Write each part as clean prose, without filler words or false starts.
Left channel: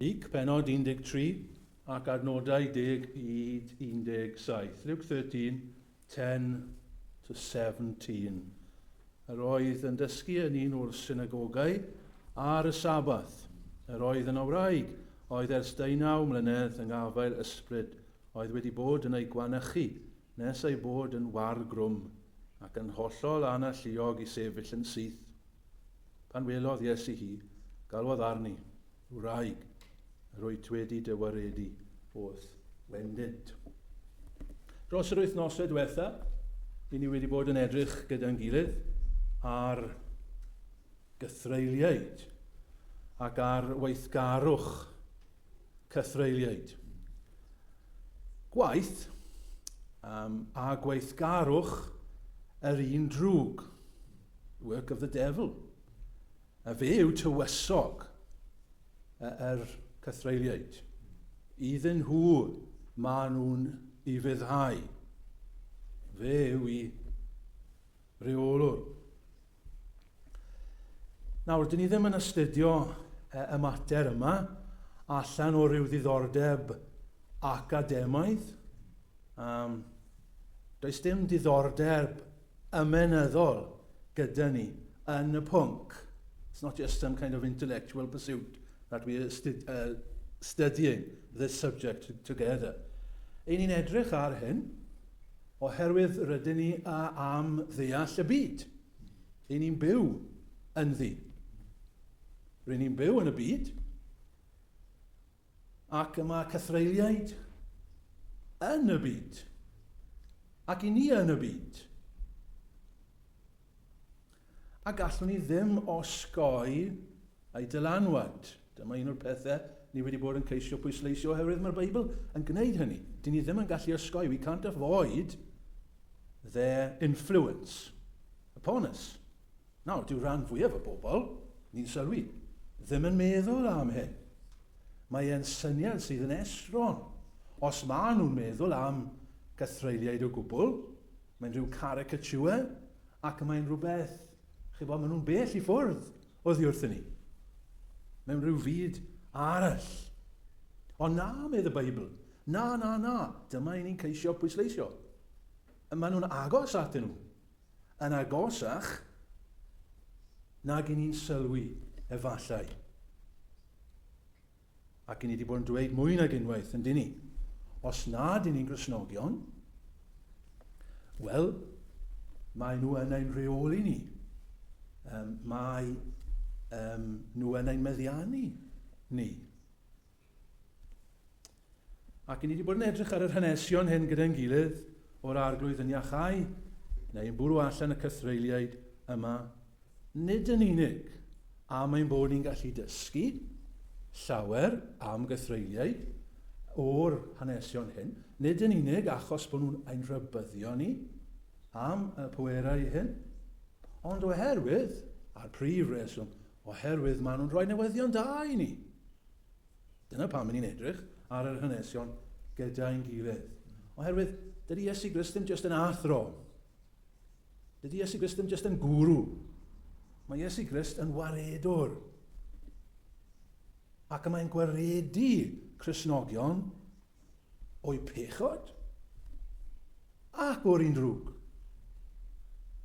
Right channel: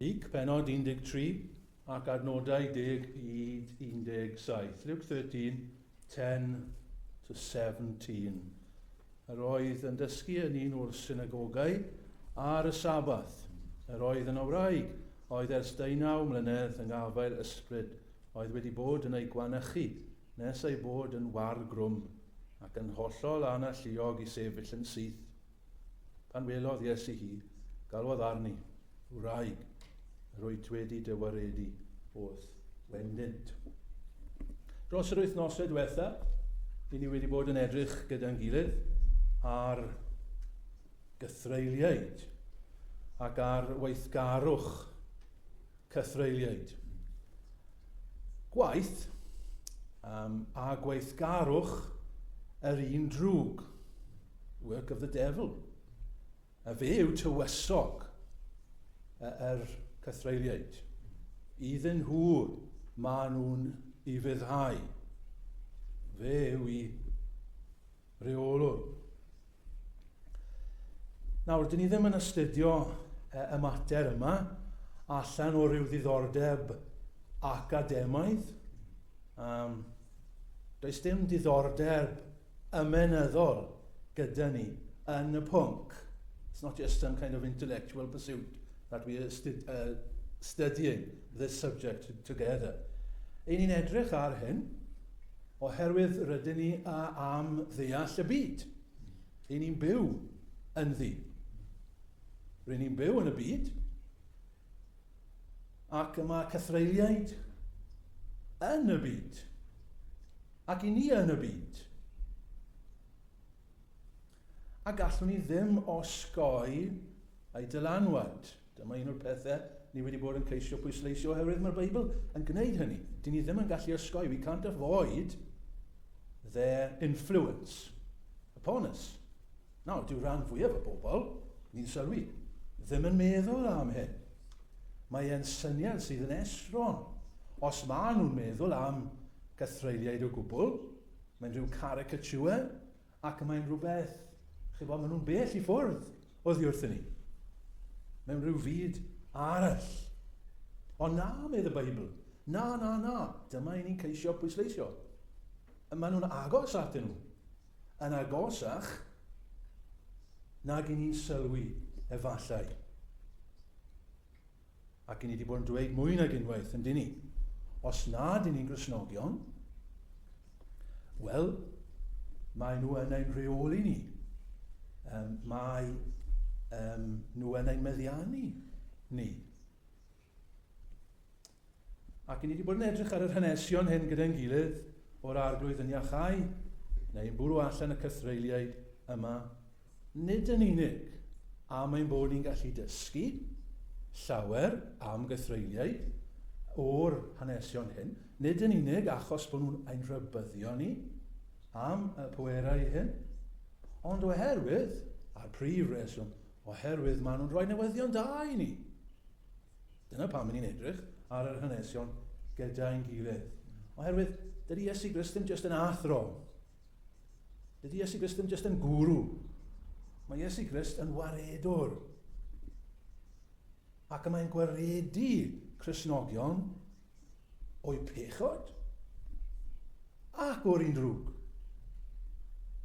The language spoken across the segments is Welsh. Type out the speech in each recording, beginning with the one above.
Luc, penod 13, ac adnodau 10 i 17. Luke 13, 10 to 17. Yr oedd yn dysgu yn un o'r synagogau ar y Sabath. Yr oedd yn awraig, oedd ers 19 mlynedd yng ngafael ysbryd, oedd wedi bod yn ei gwanychu, nes ei bod yn wargrwm, ac yn hollol analluog i sefyll yn syth. Pan welodd Iesu hi, galwodd arni, wraig, yr wyt wedi dywaredu wrth wendynt. Dros yr wythnosau diwetha, i ni wedi bod yn edrych gyda'n gilydd ar gythreiliaid ac ar weithgarwch cythreiliaid. Gwaith a gweithgarwch yr un drwg, work of the devil. A fe yw tywysog yr cythreiliaid. Iddyn nhw maen nhw'n i fyddhau. Fe yw i reolwr. Nawr, dyn ni ddim yn astudio y mater yma allan o ryw ddiddordeb academaidd. Does dim diddordeb ymenyddol gyda ni yn y pwnc. It's not just some kind of intellectual pursuit that we are studying this subject together. Ein ni'n edrych ar hyn oherwydd rydyn ni am ddeall y byd. Ein ni'n byw yn ddi. Rydyn ni'n byw yn y byd ac yma cythreiliaid yn y byd. Ac i ni yn y byd. A gallwn ni ddim osgoi ei dylanwad. Dyma un o'r pethau ni wedi bod yn ceisio pwysleisio oherwydd mae'r Beibl yn gwneud hynny. Dyn ni ddim yn gallu osgoi. We can't avoid their influence upon us. Nawr, dyw rhan fwyaf y bobl, ni'n sylwi, ddim yn meddwl am hyn. Mae e'n syniad sydd yn esron. Os maen nhw'n meddwl am gythreiliaid o gwbl, mae'n rhyw caricature ac mae'n rhywbeth, maen nhw'n bell i ffwrdd oddi wrthyn ni. Mewn rhyw fyd arall. Ond na, medd y Beibl. Na. Dyma i ni'n ceisio pwysleisio. Maen nhw'n agos atyn nhw. Yn agosach nag i ni'n sylwi efallai. Ac i ni wedi bod yn dweud mwy nag unwaith, yn dyn ni. Os nad i ni'n Gristnogion, wel, mae nhw yn ein rheoli ni. Mae nhw yn ein meddiannu ni. Ac i ni wedi bod yn edrych ar yr hanesion hyn gyda'n gilydd o'r arglwydd yn iachau, neu'n bwrw allan y cythreiliaid yma, nid yn unig am ein bod ni'n gallu dysgu llawer am gythreiliaid o'r hanesion hyn, nid yn unig achos bod nhw'n ein rhybyddio ni am y pwerau hyn, ond oherwydd, a'r prif reswm, oherwydd maen nhw'n rhoi newyddion da i ni. Dyna pam ni'n edrych ar yr hanesion gyda'n gilydd. Oherwydd, dydy Iesu Grist ddim jyst yn athro. Dydy Iesu Grist ddim jyst yn gwrw. Mae Iesu Grist yn waredwr. Ac mae'n gwaredu Cristnogion o'i pechod ac o'r un drwg.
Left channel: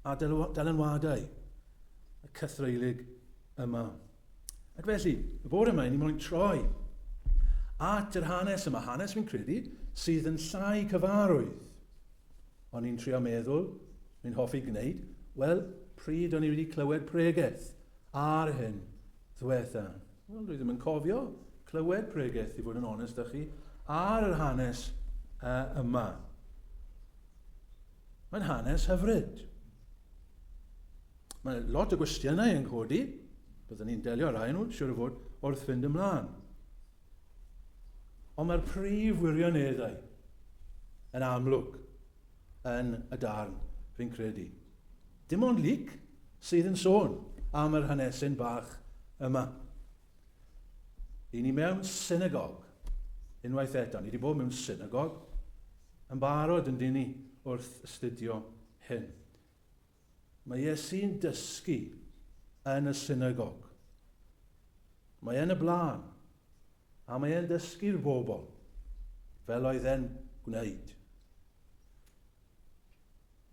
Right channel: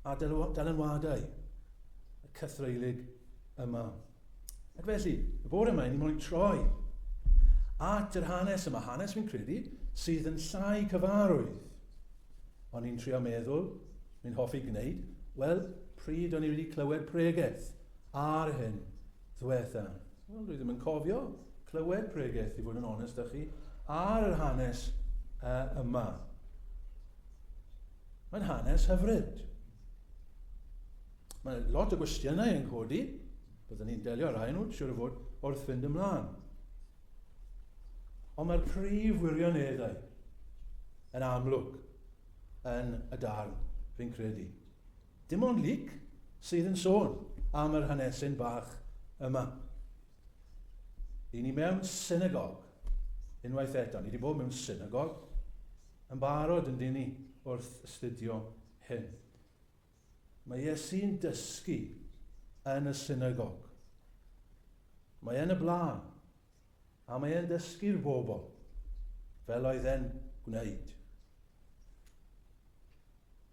A dylanwadau y cythreilig yma. Ac felly, y bore yma, ni moyn troi at yr hanes yma, hanes fi'n credu, sydd yn llai cyfarwydd. Ond ni'n trio meddwl, ni'n hoffi gwneud, wel, pryd o'n i wedi clywed pregeth ar hyn ddiwetha. Wel, dwi ddim yn cofio clywed pregeth, i fod yn onest â chi, ar yr hanes yma. Mae'n hanes hyfryd. Mae lot o gwestiynau yn codi, byddwn ni'n delio ar ein nhw, siwr o fod, wrth fynd ymlaen. Ond mae'r prif wirioneddau yn amlwg yn y darn fi'n credu. Dim ond Luc sydd yn sôn am yr hanesyn bach yma. I ni mewn synagog, unwaith eto, ni wedi bod mewn synagog yn barod yn dyn ni wrth astudio hyn. Mae Iesu'n dysgu yn y synagog. Mae yn y blaen A mae e'n dysgu'r bobl, fel oedd e'n gwneud.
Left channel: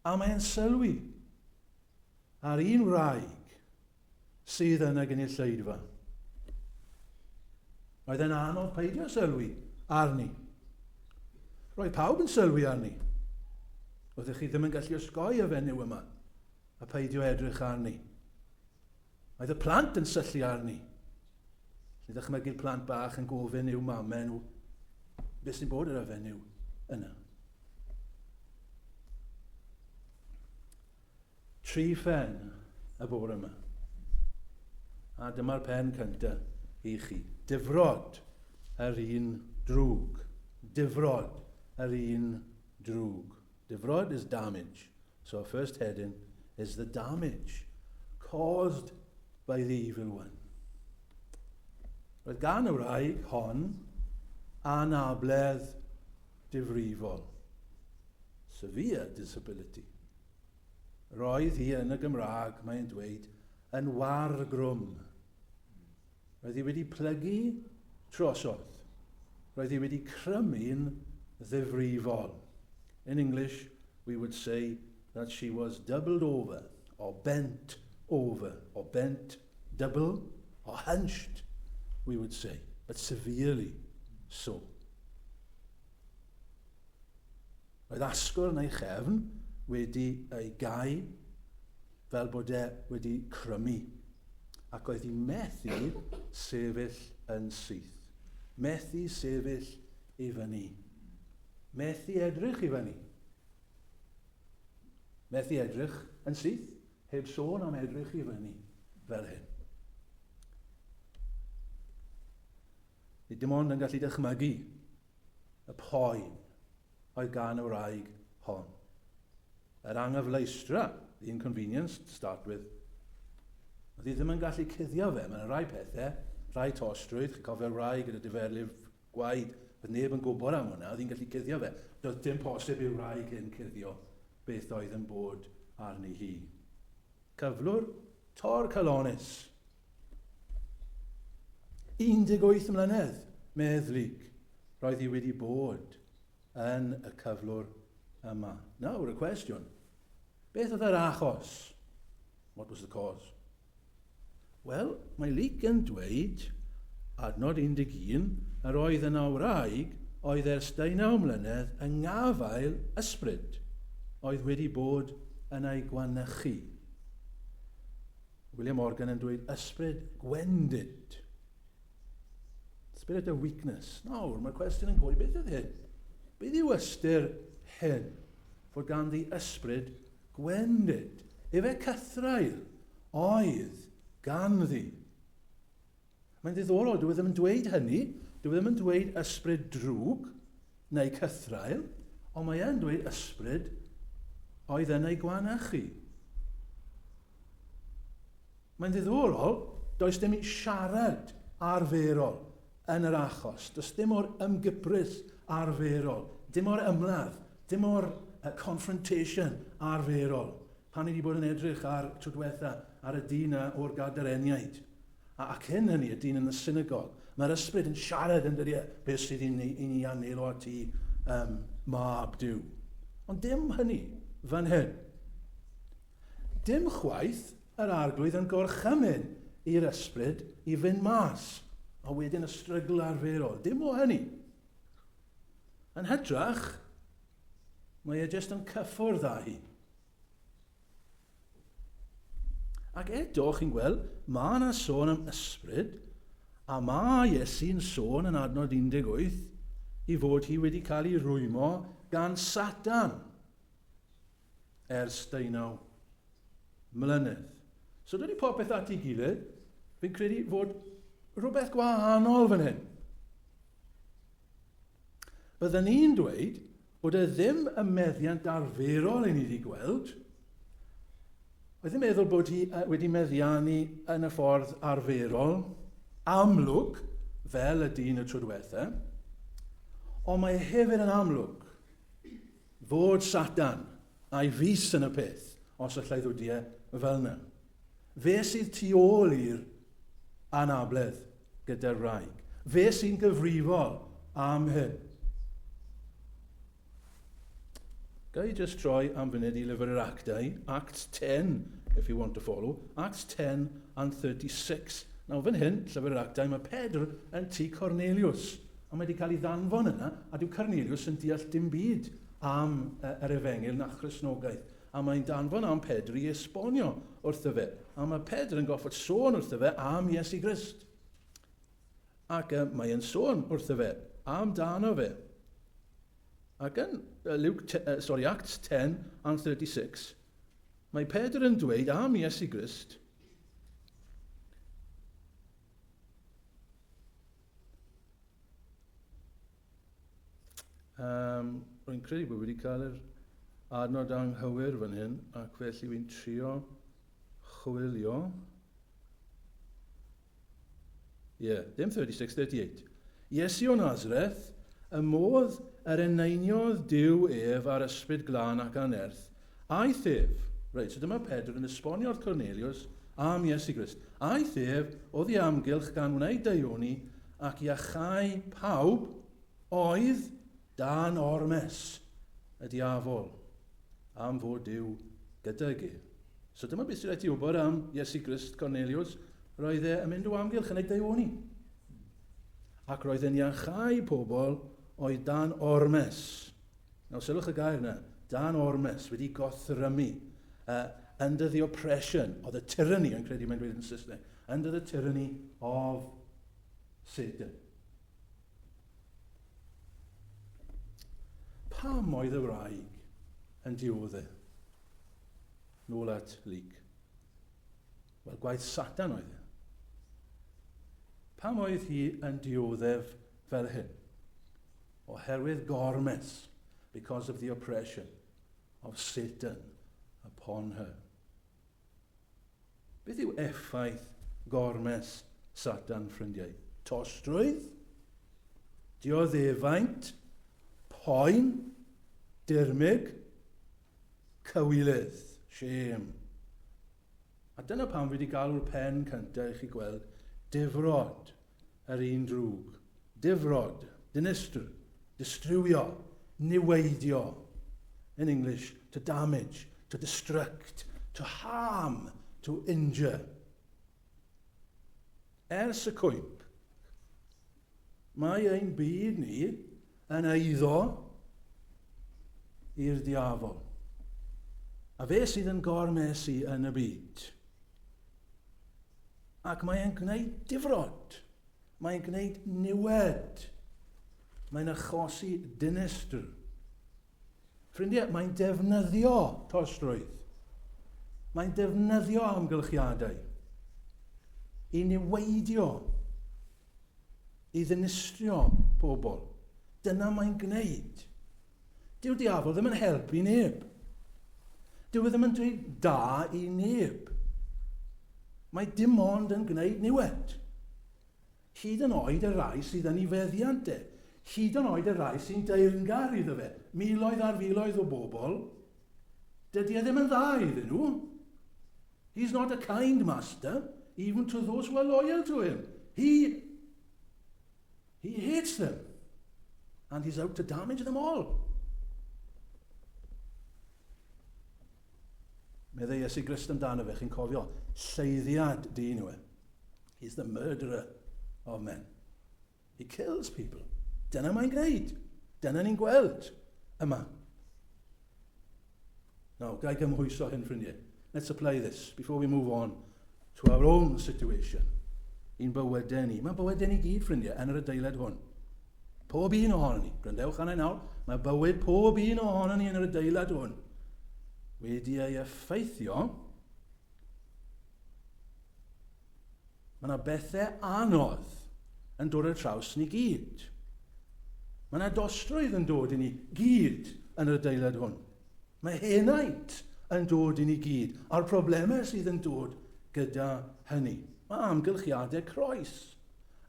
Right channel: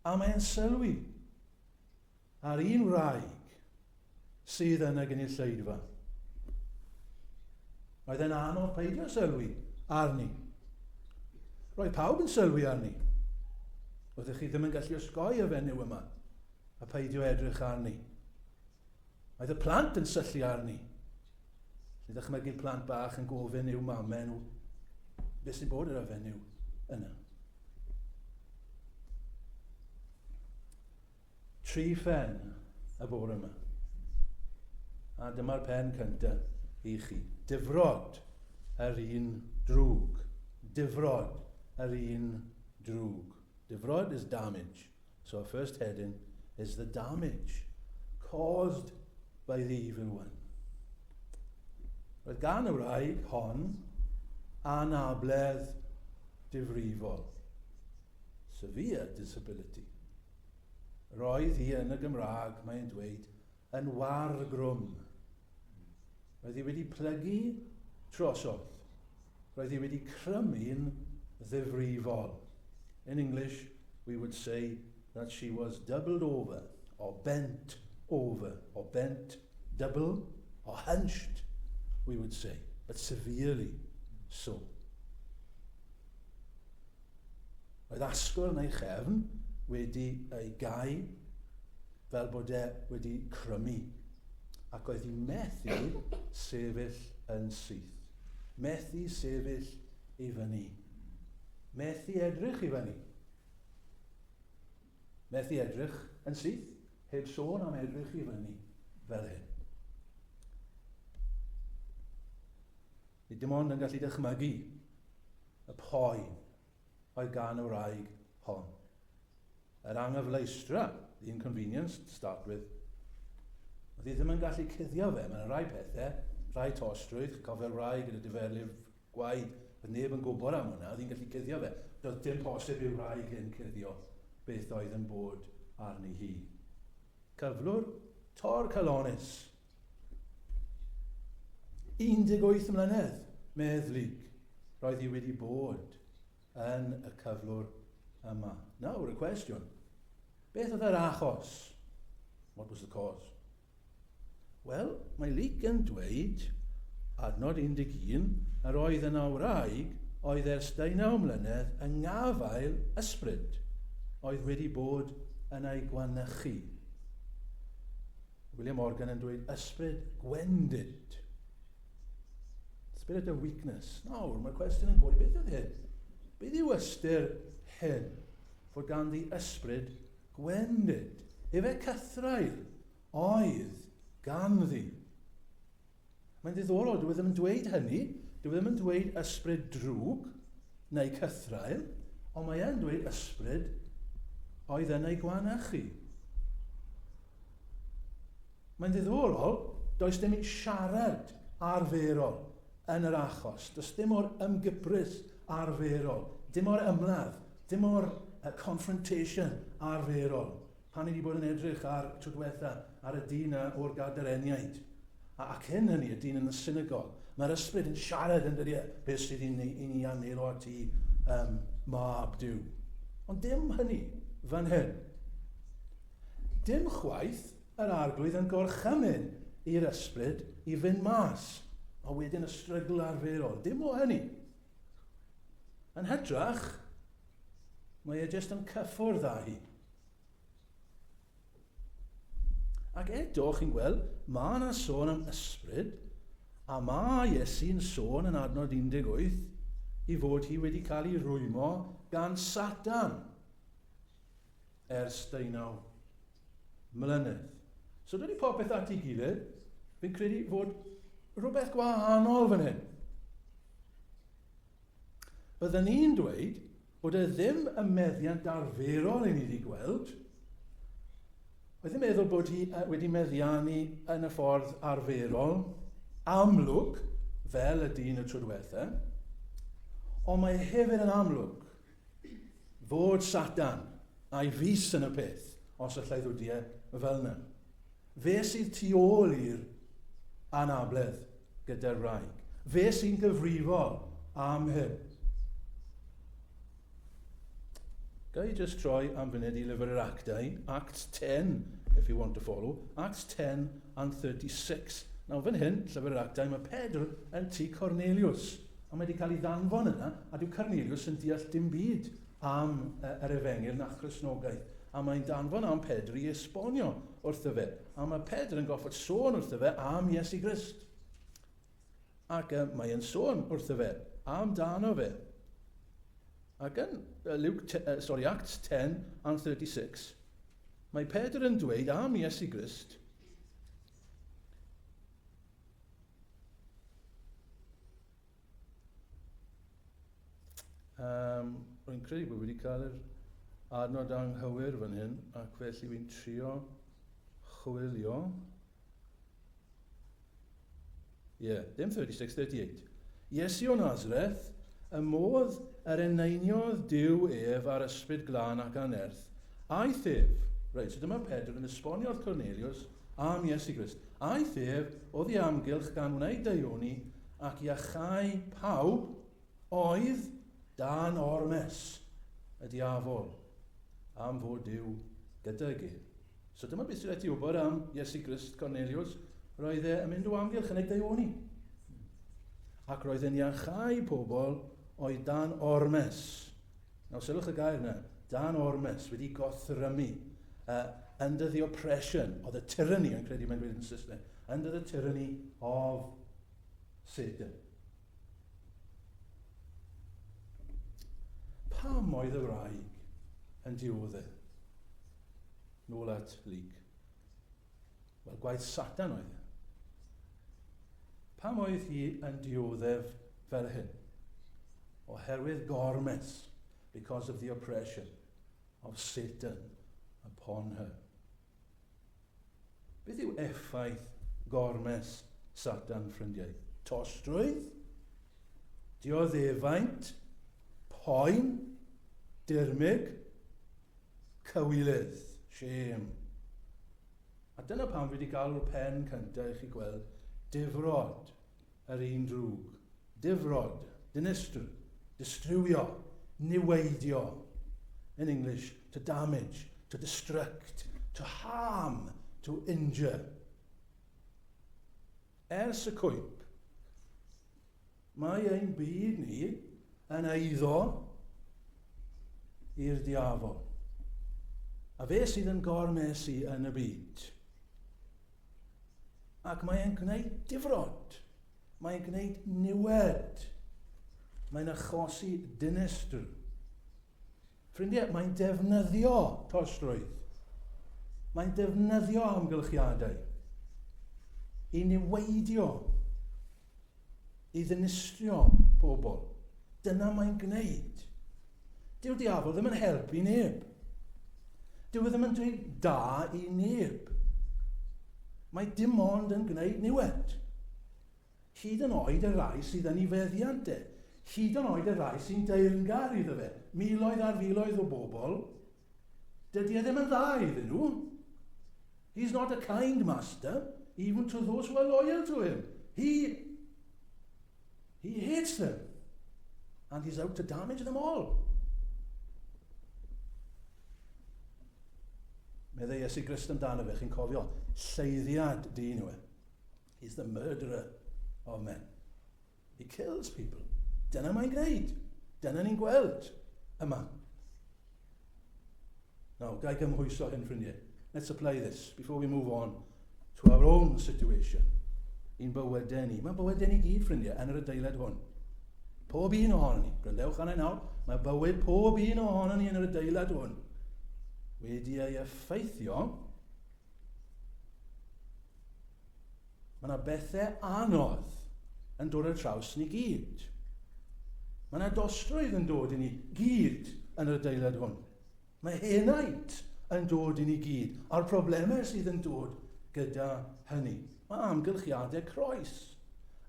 A mae e'n sylwi ar un wraig sydd yn y gynulleidfa. Oedd e'n anodd peidio sylwi arni. Roedd pawb yn sylwi arni. Oeddech chi ddim yn gallu osgoi y fenyw yma a peidio edrych arni. Oedd y plant yn syllu arni. Nid dychmygu'r plant bach yn gofyn i'w mamau nhw, beth sy'n bod yr y fenyw yna. 3 phen y bore yma. A dyma'r pen cyntaf i chi. Difrod yr un drwg. Difrod yr un drwg. Difrod is damage. So our first heading is the damage caused by the evil one. Roedd gan y wraig hon anabledd difrifol. Severe disability. Roedd hi yn y Gymraeg, mae'n dweud, yn wargrwm. Roedd hi wedi plygu trosodd. Roedd hi wedi crymu'n ddifrifol. In English, we would say that she was doubled over, or bent double, or hunched, we would say, but severely so. Roedd asgwr neu chefn wedi ei gau fel bod e wedi crymu, ac oedd hi methu sefyll yn syth. Methu sefyll i fyny. Methu edrych i fyny. Methu edrych yn syth, heb sôn am edrych i fyny fel hyn. Ni dim ond yn gallu dychmygu y poen oedd gan y wraig hon. Yr anghyfleistra, the inconvenience to start with. Oedd hi ddim yn gallu cuddio fe. Mae'n rai pethau, rai tostrwydd, cofio'r wraig gyda diferlif gwaed, bydd neb yn gwybod am hwnna, oedd hi'n gallu cuddio fe. Doedd dim posib i'r wraig hyn cuddio beth oedd yn bod arni hi. Cyflwr tor calonis. 18 mlynedd meddlig roedd hi wedi bod yn y cyflwr yma. Now, a question. Beth oedd yr achos? What was the cause? Wel, mae Luc yn dweud, adnod 11, yr oedd yna wraig oedd ers 19 mlynedd yng ngafael ysbryd oedd wedi bod yn ei gwanychu. William Morgan yn dweud ysbryd gwendid. Spirit of weakness. Nawr, mae'r cwestiwn yn gweud, beth yw hyn? Beth yw ystyr hyn? Fod ganddi ysbryd gwendid. Efe cythrail oedd ganddi. Mae'n ddiddorol, dwi ddim yn dweud hynny, dwi ddim yn dweud ysbryd drwg neu cythrail, ond mae e'n dweud ysbryd oedd yn ei gwanychu. Mae'n ddiddorol, does dim siarad arferol yn yr achos. Does dim o'r ymgybrys arferol, dim o'r ymladd, dim o'r confrontation arferol. Pan ni wedi bod yn edrych ar tro diwetha ar y dyn o'r gadareniaid. Ac hyn hynny, y dyn yn y synagog, mae'r ysbryd yn siarad yn dydi beth sydd i ni anelo ati mab diw. Ond dim hynny fan hyn. Dim chwaith yr arglwydd yn gorchymyn i'r ysbryd i fynd mas, a wedyn y strygl arferol. Dim o hynny. Yn hytrach, mae e jyst yn cyffwrdd â hi. Ac eto, chi'n gweld, mae yna sôn am ysbryd, a mae Iesu'n sôn yn adnod 18 i fod hi wedi cael ei rwymo gan Satan ers 19 mlynedd. So dydy popeth at ei gilydd, fi'n credu fod rhywbeth gwahanol fan hyn. Byddwn ni'n dweud bod e ddim y meddiant arferol i ni wedi gweld. Oedd yn meddwl bod hi wedi meddiannu yn y ffordd arferol, amlwg, fel y dyn y tro diwetha, ond mae hefyd yn amlwg fod Satan a'i fus yn y peth, os allai ddwdiau fel yna. Fe sydd tu ôl i'r anabledd gyda'r wraig. Fe sy'n gyfrifol am hyn. Ga I just troi am funud I lyfr yr Actau, Acts 10, if you want to follow, Acts 10 and 36. Nawr fan hyn, llyfr yr Actau, mae Pedr yn tŷ Cornelius. A mae wedi cael ei ddanfon yna, a dyw Cornelius yn deall dim byd am yr efengil na Christnogaeth. A mae'n danfon am Pedr I esbonio wrtho fe. A mae Pedr yn goffod sôn wrtho fe am Iesu Grist. Ac mae'n sôn wrtho fe am dan o fe. Ac yn Acts 10 and 36, mae Pedr yn dweud am Iesu Grist, rwy'n credu bod wedi cael yr adnod anghywir fan hyn, ac felly wy'n trio chwilio. Ddim 36, 38. Iesu o Nazareth, y modd yr eneiniodd Duw ef ar ysbryd glân ac anerth, aeth ef, reit, so dyma Pedr yn esbonio wrth Cornelius am Iesu Grist, aeth ef oedd I amgylch gan wneud daioni ac I achau pawb oedd dan ormes y diafol am fod Duw gydag ef. So dyma beth sydd wedi wybod am Iesu Grist Cornelius, roedd e'n mynd o amgylch yn ei daioni. Ac roedd e'n iachau pobl oedd dan ormes. Nawr, sylwch y gair yna, dan ormes, wedi gothrymu, under the oppression, or the tyranny, yn credu mae'n dweud yn Saesneg, under the tyranny of Satan. Pam oedd y wraig yn dioddau? Nôl at Luc. Wel, gwaith Satan oedd e. Pam oedd hi yn dioddef fel hyn? Oherwydd gormes, because of the oppression of Satan upon her. Beth yw effaith gormes Satan, ffrindiau? Tostrwydd, dioddefaint, poen, dirmig, cywilydd, shame. A dyna pam fi wedi galw'r pen cyntaf I chi gweld Difrod, yr un drwg. Difrod, dinistr, distrywio, niweidio. In English, to damage, to destruct, to harm, to injure. Ers y cwymp, mae ein byd ni yn eiddo i'r diafol. A fe sydd yn gormesu yn y byd. Ac mae'n gwneud difrod. Mae'n gwneud niwed. Mae'n achosi dinistr. Ffrindiau, mae'n defnyddio tostrwydd. Mae'n defnyddio amgylchiadau I niweidio, I ddinistrio pobl. Dyna mae'n gwneud. Dyw'r diafol ddim yn helpu neb. Dyw e ddim yn dweud da I neb. Mae dim ond yn gwneud niwed. Hyd yn oed y rai sydd yn ei feddiant e. Hyd yn oed y rai sy'n deyrngar iddo fe. Miloedd ar filoedd o bobl. Dydy e ddim yn dda iddyn nhw. He's not a kind master, even to those who are loyal to him. He hates them. And he's out to damage them all. Meddai Iesu Grist amdano fe, chi'n cofio, lleiddiad dyn nhw e. He's the murderer of men. He kills people. Dyna mae'n gwneud. Dyna ni'n gweld yma. Now, gai gymhwyso hyn, ffrindiau. Let's apply this before we move on to our own situation. Un bywydau ni. Mae bywydau ni gyd, ffrindiau, yn yr adeilad hwn. Pob un ohono ni. Gwrandewch anna nawr. Mae bywyd pob un ohono ni yn yr adeilad hwn wedi ei effeithio. Mae yna bethau anodd yn dod ar traws ni gyd. Mae yna dostrwydd yn dod I ni gyd yn yr adeilad hwn. Mae henaint yn dod I ni gyd, a'r problemau sydd yn dod gyda hynny. Mae amgylchiadau croes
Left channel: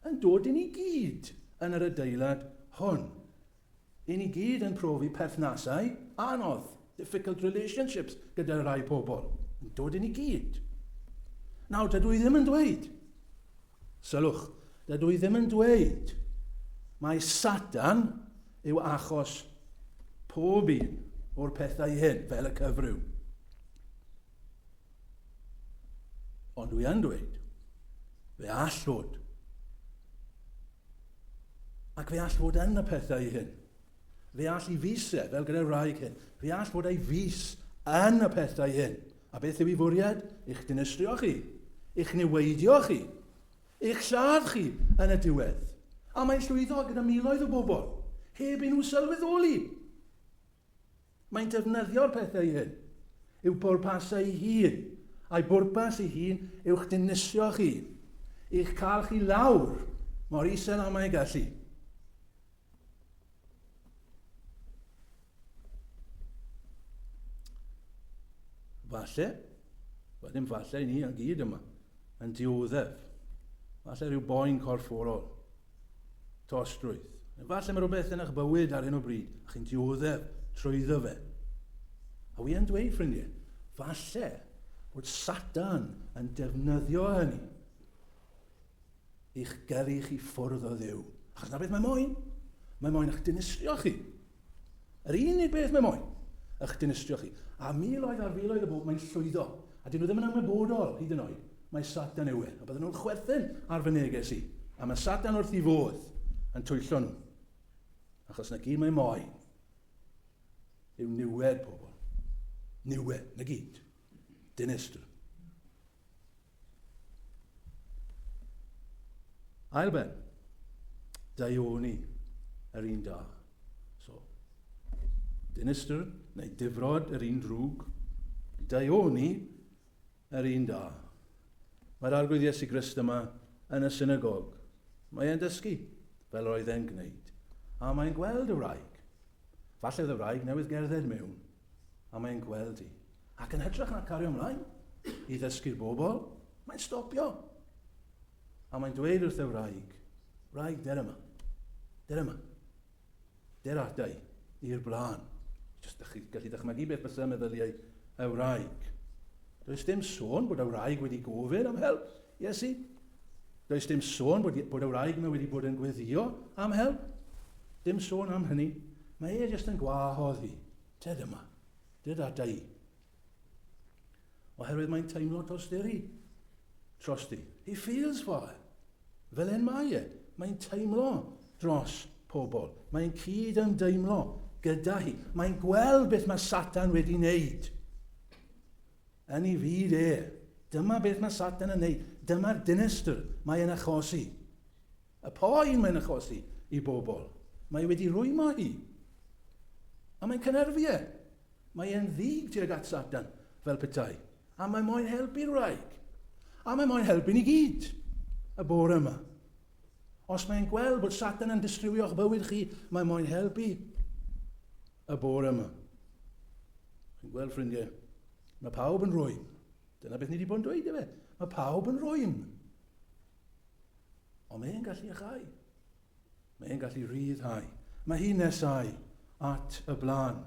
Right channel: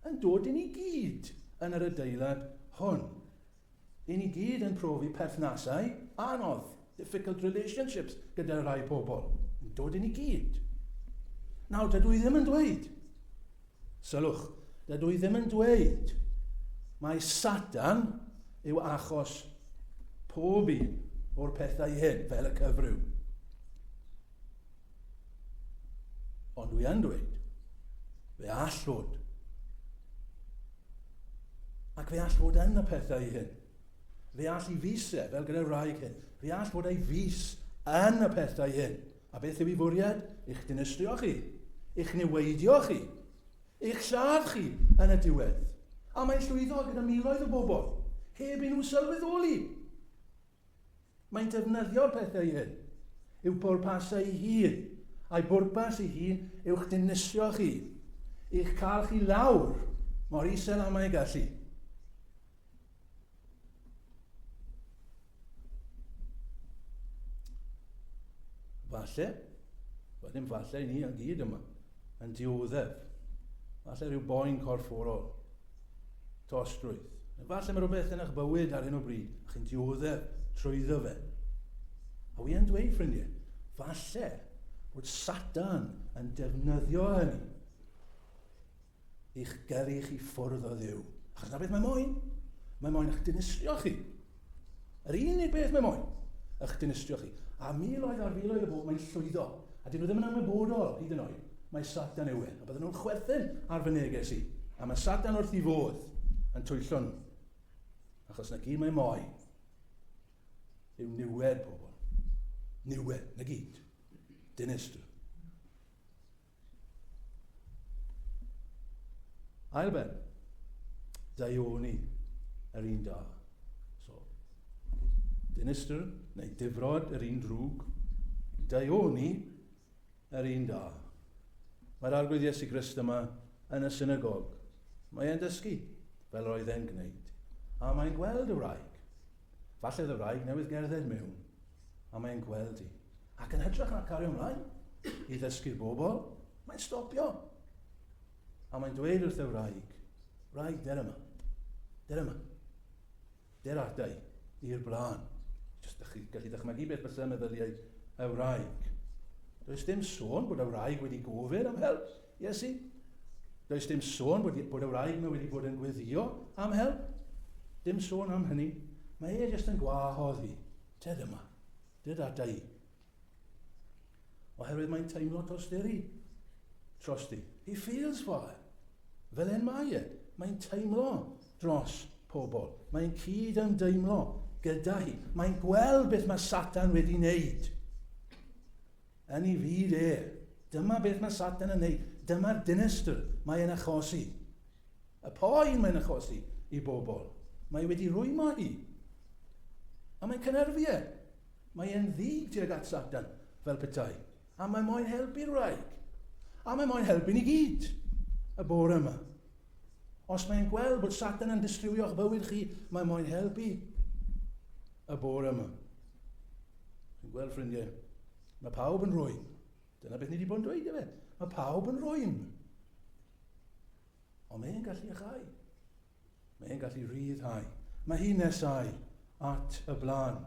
yn dod I ni gyd yn yr adeilad hwn. I ni gyd yn profi perthnasau anodd, difficult relationships gyda rai pobl. Yn dod I ni gyd. Nawr, dydw I ddim yn dweud. Sylwch, Dydw i ddim yn dweud mae Satan yw achos pob un o'r pethau hyn fel y cyfryw. Ond dwi yn dweud, fe all fod. Ac fe all fod yn y pethau hyn. Fe all i fusau, fel gyda'r wraig hyn. Fe all fod ei fus yn y pethau hyn. A beth yw ei fwriad? I'ch dinistrio chi. I'ch niweidio chi. I'ch lladd chi yn y diwedd. A mae'n llwyddo gyda miloedd o bobl. Heb i nhw sylweddoli. Mae'n defnyddio'r pethau hyn. Yw bwrpasau ei hun. A'i bwrpas ei hun yw'ch dinistrio chi. I'ch cael chi lawr mor isel am ei gallu. Falle, wedyn falle ni yn gyd yma, yn dioddef. Falle rhyw boen corfforol, tostrwydd. Falle mae rhywbeth yn eich bywyd ar hyn o bryd, a chi'n dioddef trwyddo fe. A wi yn dweud, ffrindiau, falle bod Satan yn defnyddio hynny i'ch gyrru chi ffwrdd o Dduw. Achos na beth mae moyn? Mae moyn eich dinistrio chi. Yr unig beth mae moyn, eich dinistrio chi. A miloedd ar filoedd o bobl mae'n llwyddo. A dyn nhw ddim yn ymwybodol hyd yn oed. Mae Satan yw e. A bydden nhw'n chwerthin ar fy neges i. A mae Satan wrth i fodd yn twyllo nhw. Achos na gyd mae moyn yw niwed pobl. Niwed, na gyd. Dinistr. Ailben. Daioni yr un da. So, dinistr neu difrod yr un drwg. Daioni yr un da. Mae'r arglwydd Iesu Grist yma yn y synagog. Mae e'n dysgu fel roedd e'n gwneud. A mae'n gweld y wraig. Falle y wraig newydd gerdded mewn. A mae'n gweld hi. Ac yn hytrach na cario ymlaen i ddysgu'r bobl, mae'n stopio. A mae'n dweud wrth y wraig, wraig, der yma. Der yma. Der ata i'r blaen. Just gallu dychmygu beth bys y meddyliau y wraig. Does dim sôn bod y wraig wedi gofyn am help, Iesu. Does dim sôn bod y wraig yma wedi bod yn gweddio am help. Dim sôn am hynny. Mae e jyst yn gwahodd hi. Der yma. Der ata i. Oherwydd mae'n teimlo trosti. He feels for her. Fel en mae e. Mae'n teimlo dros pobl. Mae'n cyd yn deimlo gyda hi. Mae'n gweld beth mae Satan wedi wneud. Yn ei fyd e. Dyma beth mae Satan yn wneud. Dyma'r dinistr mae'n achosi. Y poen mae'n achosi i bobl. Mae wedi rwymo hi. A mae'n cynerfu e. Mae'n ddig tuag at Satan fel petai. A mae moyn helpu'r wraig. A mae moyn helpu ni gyd. Y bore yma. Os mae'n gweld bod Satan yn distrywio'ch bywyd chi, mae moyn helpu y bore yma. Chi'n gweld, ffrindiau, mae pawb yn rwym. Dyna beth ni wedi bod yn dweud efe. Mae pawb yn rwym. Ond mae'n gallu achau. Mae'n gallu rhyddhau. Mae hi'n nesau at y blaen.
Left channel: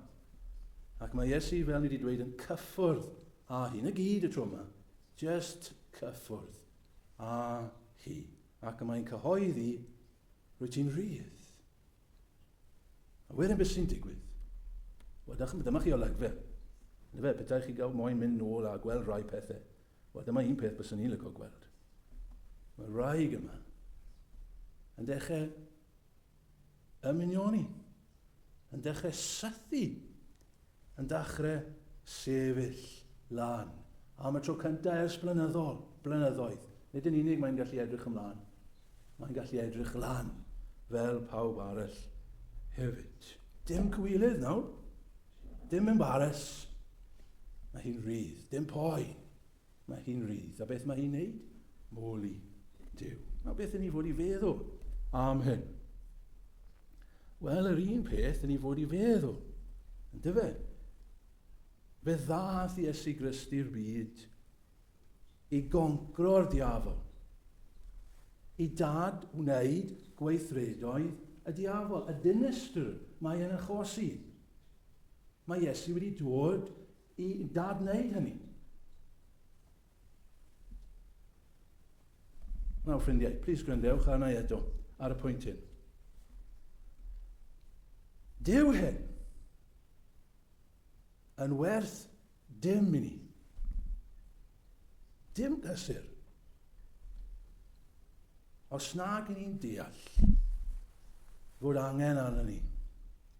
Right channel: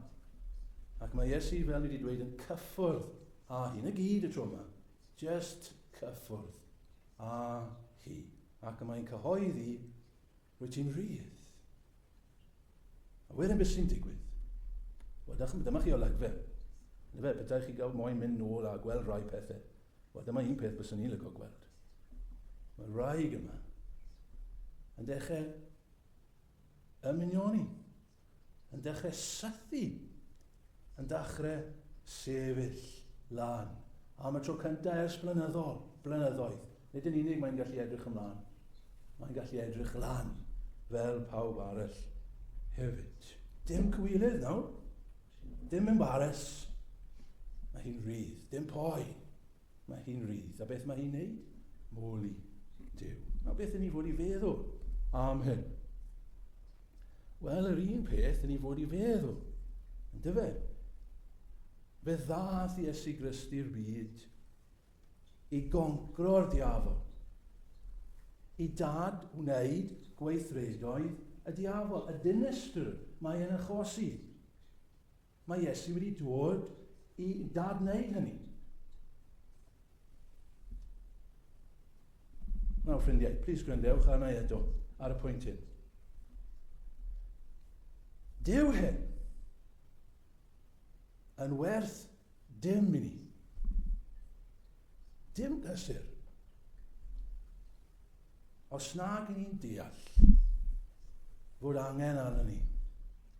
Ac mae Iesu, fel ni wedi dweud, yn cyffwrdd a hi. Na gyd y tro yma. Just cyffwrdd a hi. Ac mae'n cyhoeddi rwy ti'n rhydd. A wedyn beth sy'n digwydd? Wel, dyma chi olygfa. Fe, bydde chi gael moyn mynd nôl a gweld rai pethau. Wel, dyma un peth bys ni'n lygo gweld. Mae wraig yma yn dechrau ymunioni, yn dechrau sythu, yn dechrau sefyll lan. A mae tro cyntaf ers blynyddoedd. Nid yn unig mae'n gallu edrych ymlaen. Mae'n gallu edrych lan fel pawb arall hefyd. Dim cywilydd nawr. Dim embaras. Mae hi'n rhydd. Dim poen. Mae hi'n rhydd. A beth mae hi'n neud? Moli Duw. A beth yn ni fod i feddwl am hyn? Wel, yr un peth yn ni fod i feddwl. Ynddo fe? Fe ddath Iesu Grist i'r byd i goncro'r diafol. I dad wneud gweithredoedd y diafol. Y dinistr mae yn achosi. Mae Iesu wedi dod i dad wneud hynny. Nawr, ffrindiau, plis gwrandewch arna i eto ar y pwynt hyn. Dyw hyn yn werth dim i ni. Dim gysur. Os nag i ni'n deall fod angen arna ni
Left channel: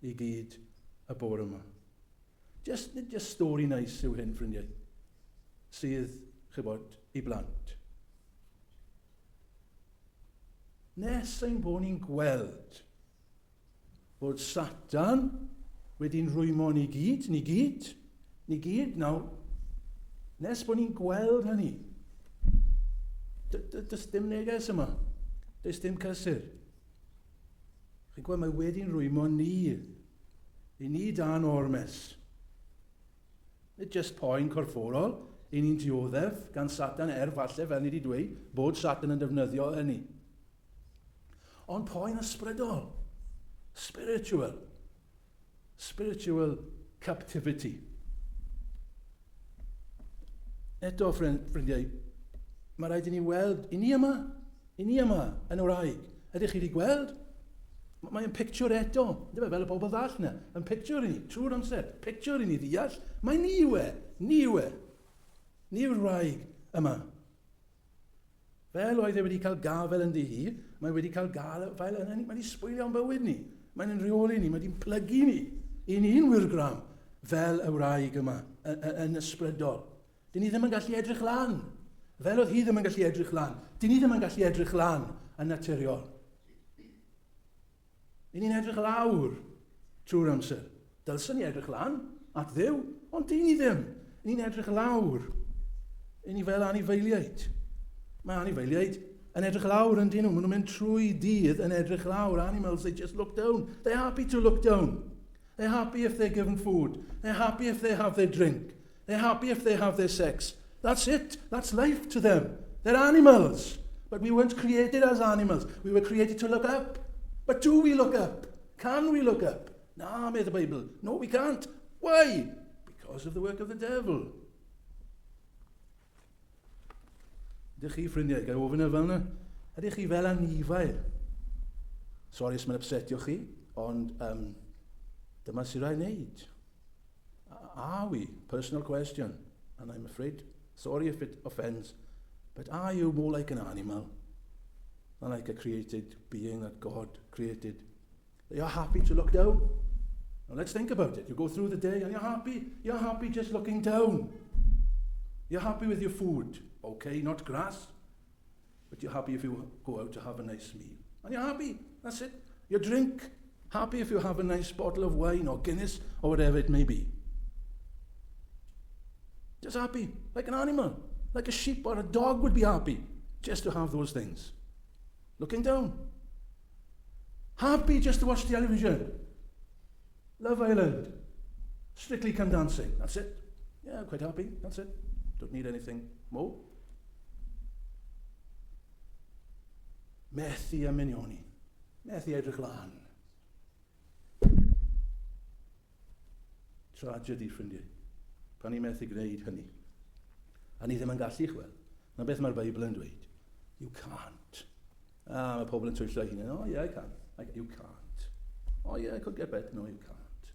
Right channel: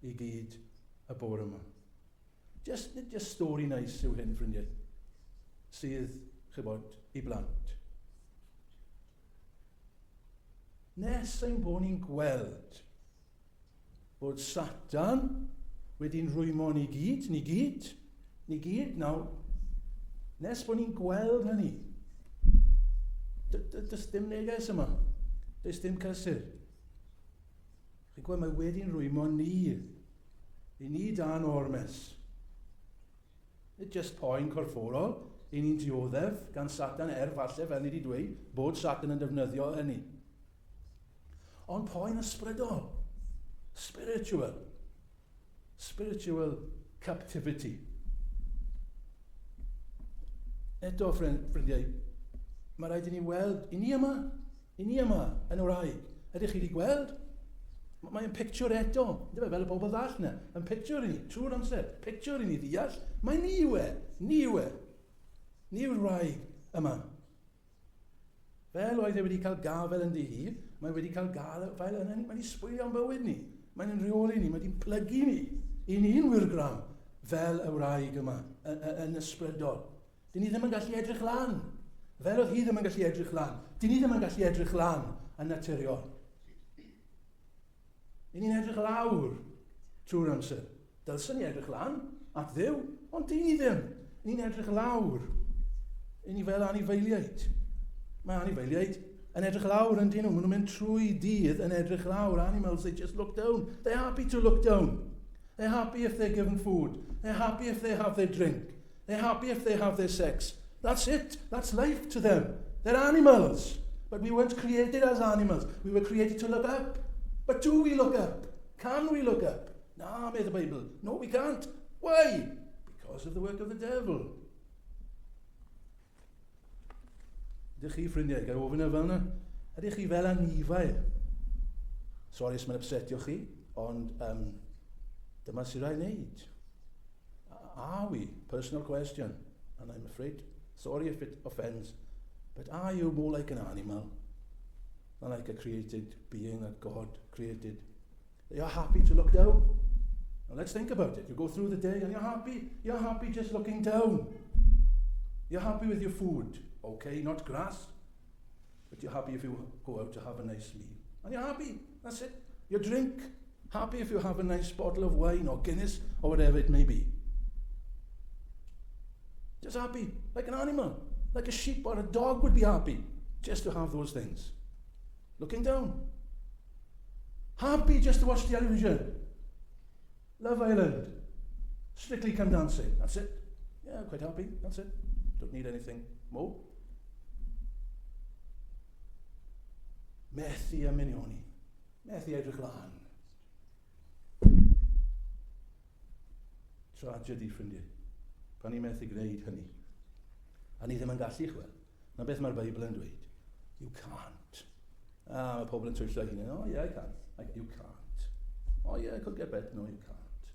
i gyd y bore yma. Just stori nice yw hyn, ffrindiau, sydd, chybod, i blant. Nes ein bod ni'n gweld bod Satan wedi'n rwymo ni gyd, nawr, nes bod ni'n gweld hynny. Does dim neges yma, does dim cysur. Chi'n gweld, mae wedi'n rwymo ni, i ni dan ormes. Nid just poen corfforol, i ni'n dioddef gan Satan falle fel ni wedi dweud, bod Satan yn defnyddio hynny. Ond poen ysbrydol, spiritual captivity. Eto, ffrindiau, mae rhaid i ni weld, i ni yma yn wraig. Ydych chi wedi gweld? Mae'n picture eto, fel y bobl ddall yna, yn picture i ni, trwy'r amser, picture i ni ddeall, mae ni yw'r wraig yma. Fel oedd e wedi cael gafel yn dihir, mae wedi cael gafel yn ni, mae wedi sbwylio'n bywyd ni, mae'n rheoli ni, mae wedi'n plygu ni, i ni'n wirgram fel y wraig yma, yn ysbrydol. Dyn ni ddim yn gallu edrych lan, fel oedd hi ddim yn gallu edrych lan, dyn ni ddim yn gallu edrych lan yn naturiol. I ni'n edrych lawr trwy'r amser. Dylsyn ni edrych lan at Dduw, ond dyn ni ddim. Ni'n edrych lawr. I ni fel anifeiliaid. Mae anifeiliaid yn edrych lawr yn dyn nhw. Maen nhw'n mynd trwy dydd yn edrych lawr. Animals, they just look down. They're happy to look down. They're happy if they're given food. They're happy if they have their drink. They're happy if they have their sex. That's it. That's life to them. They're animals. But we weren't created as animals. We were created to look up. But do we look up? Can we look up? Na, made the Bible. No, we can't. Why? Because of the work of the devil. Ydych chi, ffrindiau, gael ofyn y fel yna? Ydych chi fel anifail? Sori os mae'n upsetio chi, ond dyma sy'n rhaid wneud. Are we? Personal question. And I'm afraid, sorry if it offends, but are you more like an animal than like a created being that God created? You're happy to look down. Now let's think about it. You go through the day and you're happy just looking down. You're happy with your food. Okay, not grass, but you're happy if you go out to have a nice meal. And you're happy, that's it. Your drink, happy if you have a nice bottle of wine or Guinness or whatever it may be. Just happy, like an animal, like a sheep or a dog would be happy just to have those things. Looking down. Happy just to watch television. Love Island. Strictly Come Dancing. That's it. Yeah, quite happy. That's it. Don't need anything more. Methu a minioni. Methu edrych lan. Tragedy, ffrindiau. Pan ni methu gwneud hynny. A ni ddim yn gallu chwel. Na beth mae'r Beibl yn dweud. You can't. Mae pobl yn twyllo hynny. Oh, yeah, I can. You can't. Oh, yeah, I could get better. No, you can't.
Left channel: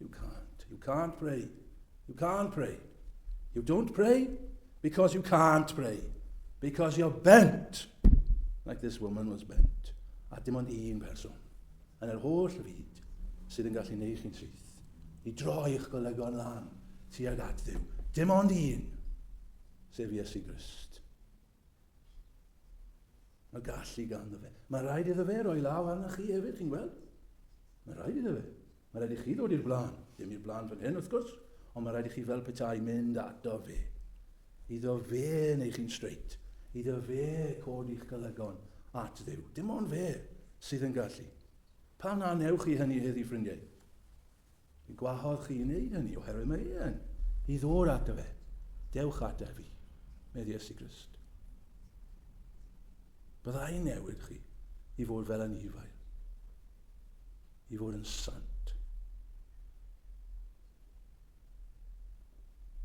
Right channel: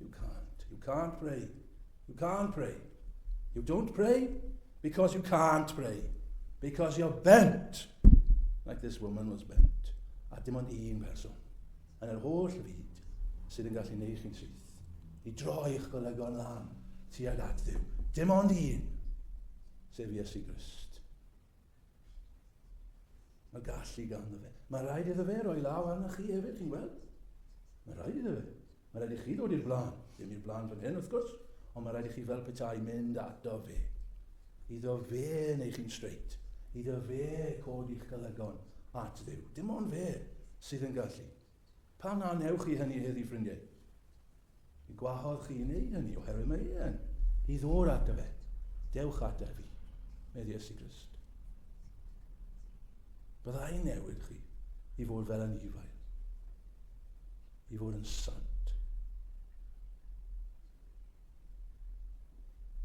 You can't. You can't pray. You can't pray. You don't pray because you can't pray. Because you're bent. Like this woman was bent. A dim ond un person. Yn yr holl fyd sydd yn gallu neud chi'n syth. I droi'ch golygon lan tuag at Dduw. Dim ond un. Sef Iesu Grist. Mae gallu ganddo fe. Mae rhaid iddo fe roi law arna chi hefyd, chi'n gweld? Mae rhaid iddo fe. Mae rhaid i chi ddod i'r blaen. Dim i'r blaen fan hyn, wrth gwrs, ond mae rhaid i chi fel petai mynd ato fe. Iddo fe neu chi'n straight. Iddo fe codi'ch golygon at Dduw. Dim ond fe sydd yn gallu. Pa na newch chi hynny heddi, ffrindiau? I gwahodd chi i wneud hynny, oherwydd mae e'n. I ddod ato fe. Dewch ato fi, med Iesu Grist. Byddai newid chi i fod fel anifail. I fod yn sant.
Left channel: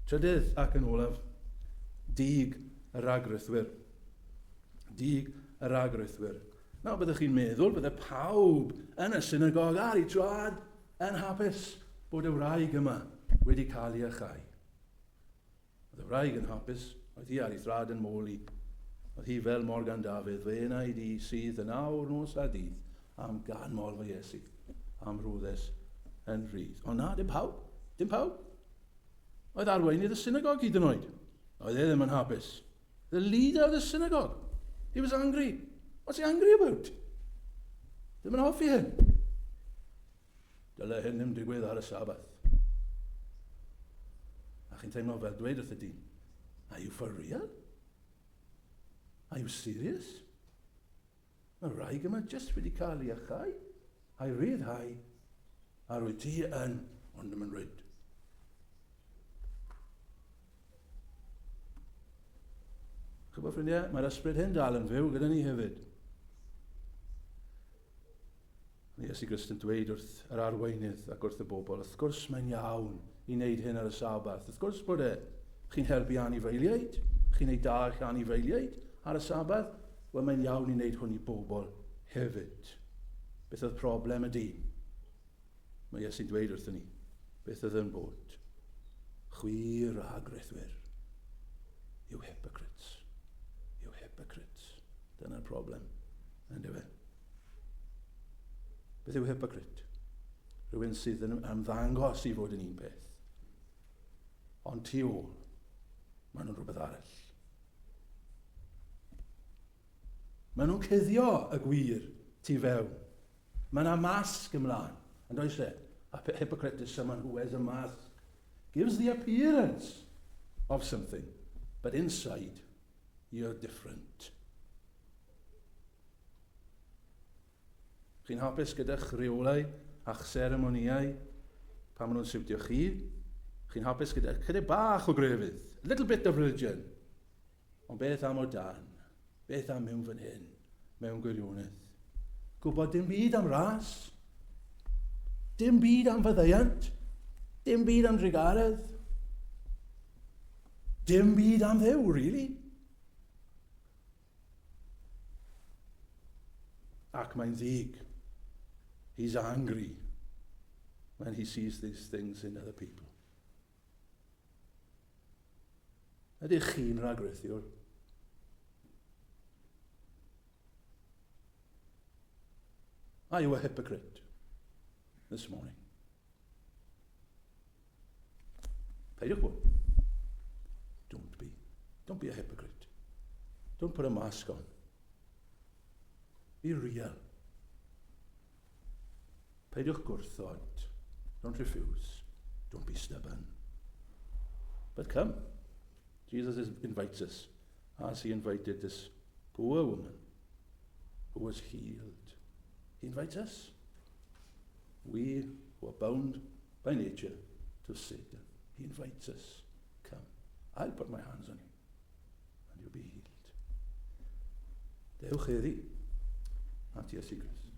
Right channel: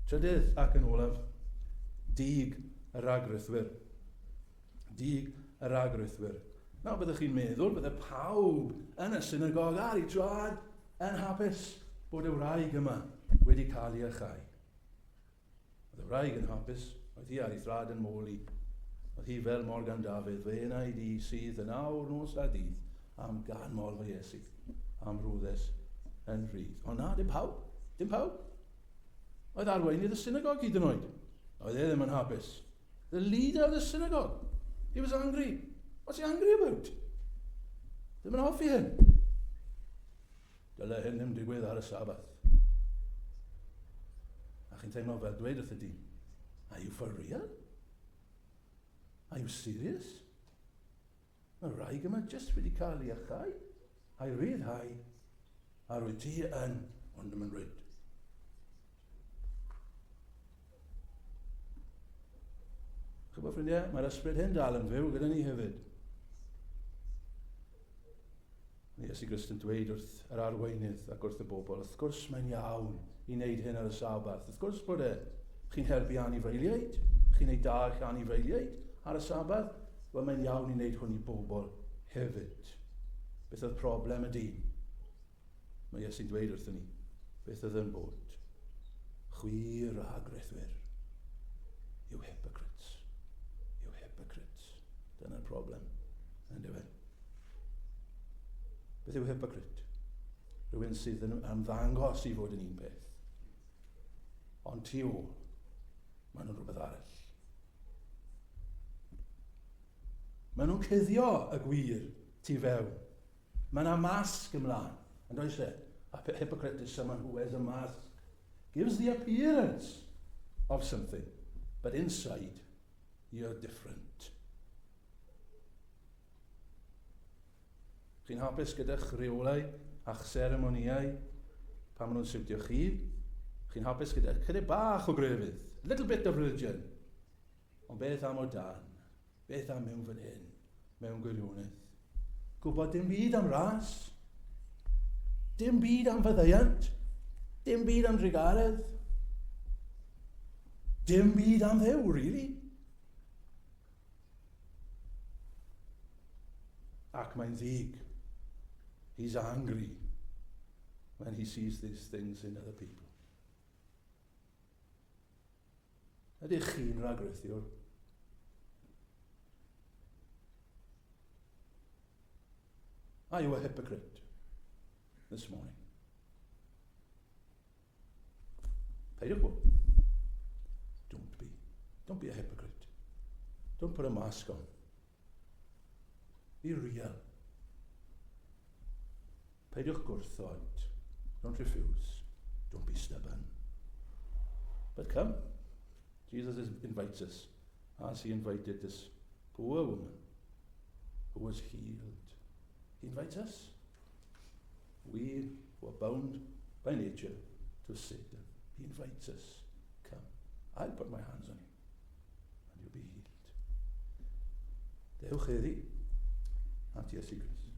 Trydydd ac yn olaf, dig y ragrythwyr. Dig yr agrythwyr. Nawr byddwch chi'n meddwl bydde pawb yn y synagog ar ei trad yn hapus bod y wraig yma wedi cael ei achau. Oedd y wraig yn hapus, oedd hi ar ei thrad yn môl i. Oedd hi fel Morgan Dafydd, fe wnaid i sydd yn awr nos a dydd am ganmol fy Iesu, am rwddes yn rhydd. Ond na, dim pawb, dim pawb. Oedd arweinydd y synagog hyd yn oed. Oedd e ddim yn hapus. The leader of the synagogue, he was angry. What's he angry about? Ddim yn hoffi hyn. Dyle hyn ddim digwydd ar y Sabath. A chi'n teimlo fel dweud wrth y dyn, are you for real? Are you serious? Mae wraig yma jyst wedi cael ei achau, a'i ryddhau, a rwy ti yn, ond ddim yn ryd. Chybod ffrindiau, mae'r ysbryd hyn dal yn fyw gyda ni hefyd. Iesu Grist yn dweud wrth yr arweinydd ac wrth y bobl, wrth gwrs mae'n iawn i wneud hyn ar y Sabath. Wrth gwrs bod chi'n helpu anifeiliaid, chi'n neud da eich anifeiliaid ar y Sabath, wel mae'n iawn i wneud hwn i bobl hefyd. Beth oedd problem y dyn? Mae Iesu'n dweud wrthyn ni, beth oedd yn bod? Chwir a agrythwyr. You hypocrites. You hypocrites. Dyna'r problem. Ynddo fe? Beth yw hypocrite? Rhywun sydd yn ymddangos i fod yn un peth. Ond tu ôl, maen nhw'n rhywbeth arall. Maen nhw'n cuddio y gwir tu fewn. Mae yna masg ymlaen. And I said, a hypocrite is someone who wears a mask, gives the appearance of something, but inside, you're different. Chi'n hapus gyda'ch rheolau a'ch seremoniau pan maen nhw'n siwtio chi. Chi'n hapus gyda chydig bach o grefydd, a little bit of religion. Ond beth am o dan? Beth am mewn fan hyn? Mewn gwirionedd? Gwybod dim byd am ras? Dim byd am fyddeiant? Dim byd am drigaredd? Dim byd am ddew, really? Ac mae'n ddig. He's angry when he sees these things in other people. Ydych chi'n ragwrithiwr? Are you a hypocrite this morning? Peidiwch bod. Don't be. Don't be a hypocrite. Don't put a mask on. Be real. Peidiwch gwrthod. Don't refuse. Don't be stubborn. But come. Jesus invites us, as he invited this poor woman who was healed. He invites us. We who are bound by nature to Satan. He invites us. Come. I'll put my hands on you and you'll be healed. Dewch heddi at Iesu Grist.